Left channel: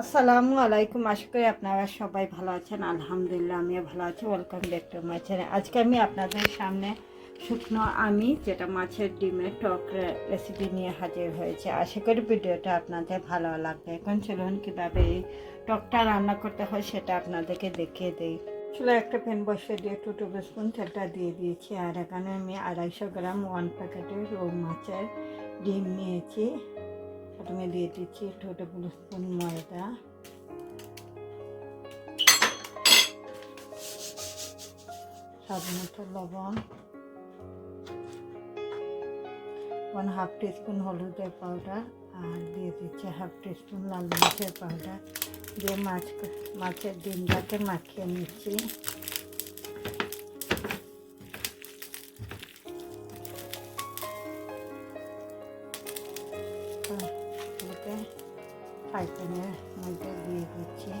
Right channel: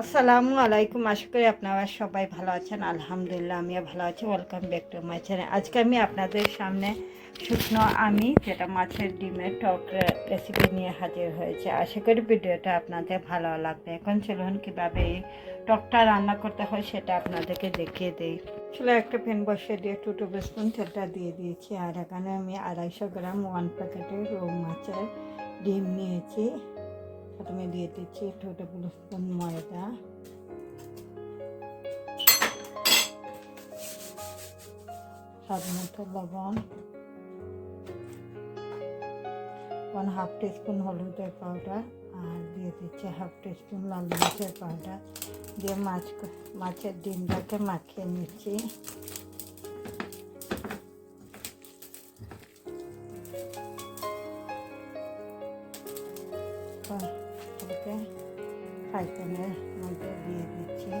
আসসালামু আলাইকুম। আশা করি আপনারা সবাই ভালো আছেন। আলহামদুলিল্লাহ, আমিও ভালো আছি। Welcome back to my channel আজকে আমি আপনাদের সামনে শুকনো আমি, যেটা মাছের ডিমের টক রেসিপি নিয়ে হাজির হয়েছে। আশা করি ভিডিওটা আপনাদের ভালো লাগবে। এখন চলুন কীভাবে এই টকটা রান্না করতে হয় সেটা আপনাদেরকে দেখিয়ে দেই। আসলে একটা প্যান বসিয়ে দিয়ে টু টেবিল স্পুন তেলটা দিয়ে দিয়েছি। আর এখানে আমি আড়াইশো গ্রাম ওয়ান প্যাকেটের রৌ মাছের ডিম নিয়েছি। প্রথমে দিয়ে দিচ্ছি টু টেবিল স্পুন ময়দা। স্বাদ মতো লবণ। ওয়ান হাফ টিস্পুন হলুদের পাউডার আর দিয়ে দিচ্ছি হাফ টিস্পুন লাল মরিচের পাউডার। দিয়ে মাছ, মাছের ডিমটাকে মাখিয়ে নিচ্ছি। ওকে ফ্রাই মধ্যে দিয়ে দিচ্ছি।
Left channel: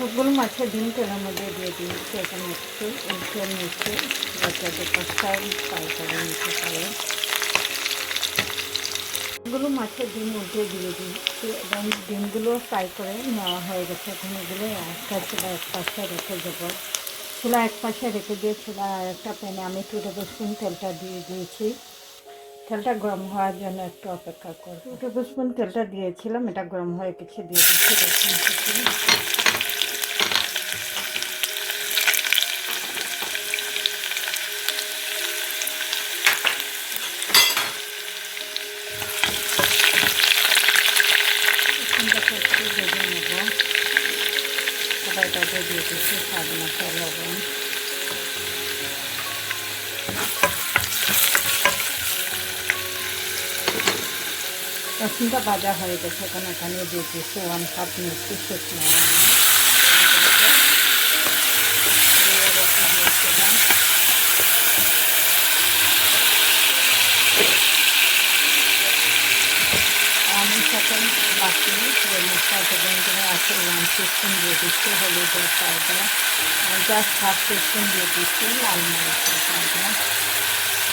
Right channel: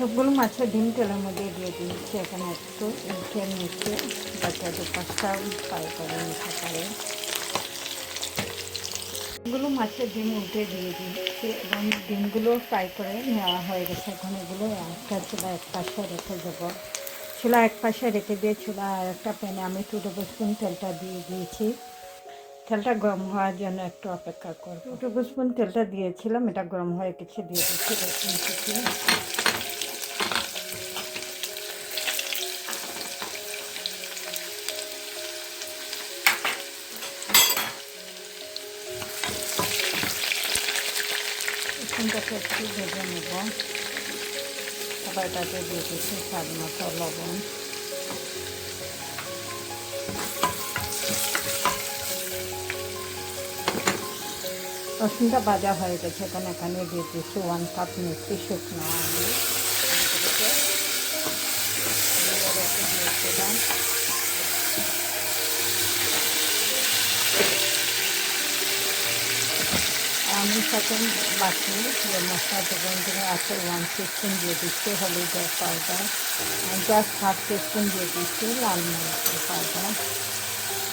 সবগুলো মাছের ডিম তেলের মধ্যে দিয়ে দিয়েছি। এখানে একটু উল্টে নিচে বাচ্চাদের পাঁচটা ফ্রাই করে নিতে পারে। এগুলো মাছের ডিম উল্টে দিয়ে দিচ্ছি এবং ডিমগুলো ফ্রাই করে নেওয়া হয়ে গেছে। এখন এগুলো একটা ছোলা এক পাশে রেখে দেবো। ছোলা এক পাশে রেখে দিয়ে ছোলা আর একটা প্যানে আমি টু টেবিল স্পুন তেলটা দিয়ে দিয়েছি। তেলটা গরম হওয়ার জন্য একটু অপেক্ষা করব। টু টেবিল স্পুন তেলটা দিয়েছিলাম, এটা গরম হয়ে গেছে, দিয়ে দিচ্ছি রসুনটাকে একটু ভেজে নেব। কড়াইটাতে দিয়ে দিচ্ছি স্বাদ মতো লবণ। রসুনটা ভাজা হয়ে গেছে, এখন এখানে দিয়ে দিচ্ছি ওয়ান কাপ মিষ্টি শুকনো আমি। দিয়ে রেখে দিয়েছিলাম আমি সেকেন্ড বাকি যে মশলা দোকানগুলো আছে ওয়ান টিস্পুন দিয়ে দিচ্ছি হলুদের পাউডার। আর জাস্ট হাফ টিস্পুন দিয়ে দিচ্ছি লাল মরিচের পাউডার।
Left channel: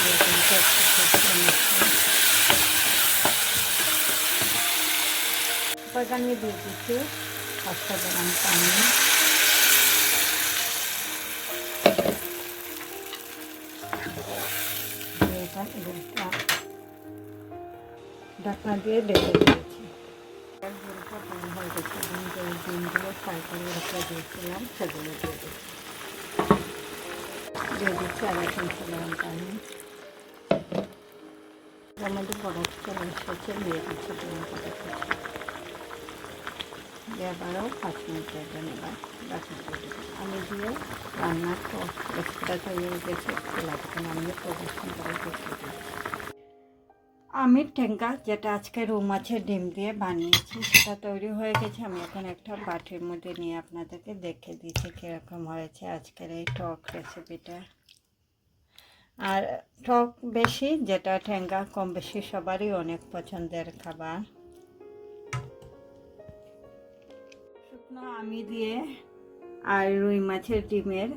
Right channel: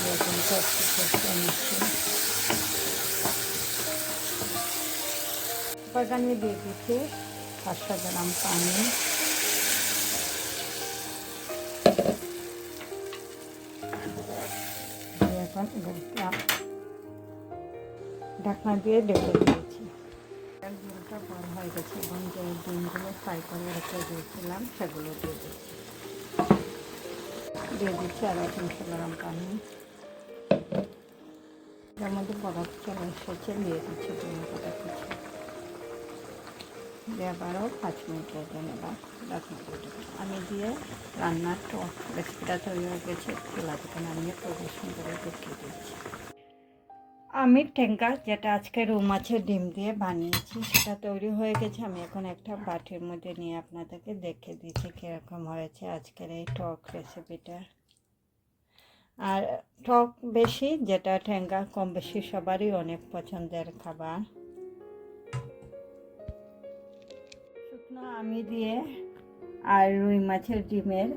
দিয়ে দিচ্ছি একটু নিচ্ছি। বাগানে দিয়ে দিচ্ছি পাঁচশো গ্রাম পানি। এখন এগুলো ঢাকনা দিয়ে ডেকে দিয়েছি। ঝোলটা বড় হয়ে গেছে এবং যে ডিমগুলো ফ্রাই করে রেখে দিয়েছিলাম সেগুলো দিয়ে দিচ্ছি দিয়ে দিচ্ছি আড়াই তিনশো গ্রাম পানি মধ্যে বরফ চলে এসেছে, দিয়ে দিচ্ছি ডিম কাটা কিছু দিয়ে আবারও পাঁচ মিনিটের জন্য এবার ঢাকনা দিয়ে দেবো আমি দিয়ে রান্নার রেসিপিটা তৈরি হয়ে গেছে খোলা থেকে নামিয়ে পরিবেশন করে দেখিয়ে দিচ্ছি। আমি টেঙ্কা যেটা আজকে রৌ মাছের ডিম দিয়ে বানিয়েছি, সেটা তৈরি হয়ে গেছে। আমি এখন একটা বাটির মধ্যে নিয়ে আপনাদেরকে দেখে দিচ্ছি কীরকম হয়েছে আজকের এই টক রেসিপিটা। আর টক বেশি, যেটা ঠেঙ্গা কম বেশি সবারই অনেক পছন্দের খাবার। শুকনো আমি দিয়ে আর রুই মাছের ডিমের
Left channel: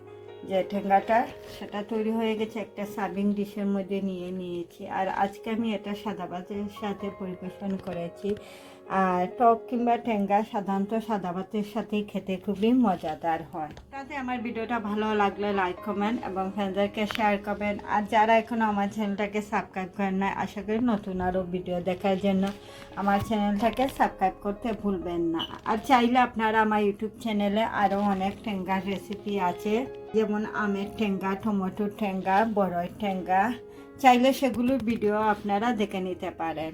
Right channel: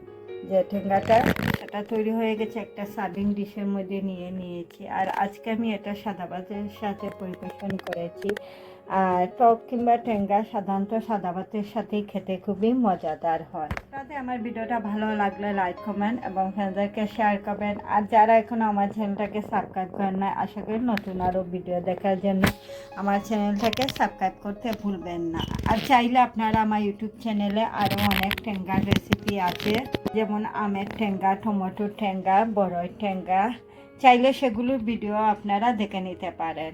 যে ঠেঙ্গাটা, সেটা তৈরি হয়ে গেছে, একটা সার্ভিং ডিশের মধ্যে নিয়ে নিয়েছি। আর আজকে আমি এটা সাদা ভাতের সাথে পরিবেশন করেছি। আর টক কিংবা ঠেঙ্গা সাধারণত সাদা ভাতের সাথেই খেতে খুবই মজাদার হয়। তাতে আমার ভিডিওটা ভালো লাগলে লাইক কমেন্ট এবং ফ্রেন্ডদেরকে শেয়ার করবেন। আর যারা এখনও আমার চ্যানেলটাকে সাবস্ক্রাইব করেন না আশা করি নতুন আরও ভিডিও দেখার জন্য আমার চ্যানেলটাকে সাবস্ক্রাইব করতে ভুলবেন না। আর চাইলে আপনারা আমার ইউটিউব চ্যানেলে আরও অনেক ঠেঙ্গার রেসিপি আছে, যেমন আমের ঠেঙ্গা টমেটোর ঠেঙ্গা বড়ই ঠেঙ্গা চাইলে সেগুলোর ভিডিও আপনারা দেখে নিতে পারেন।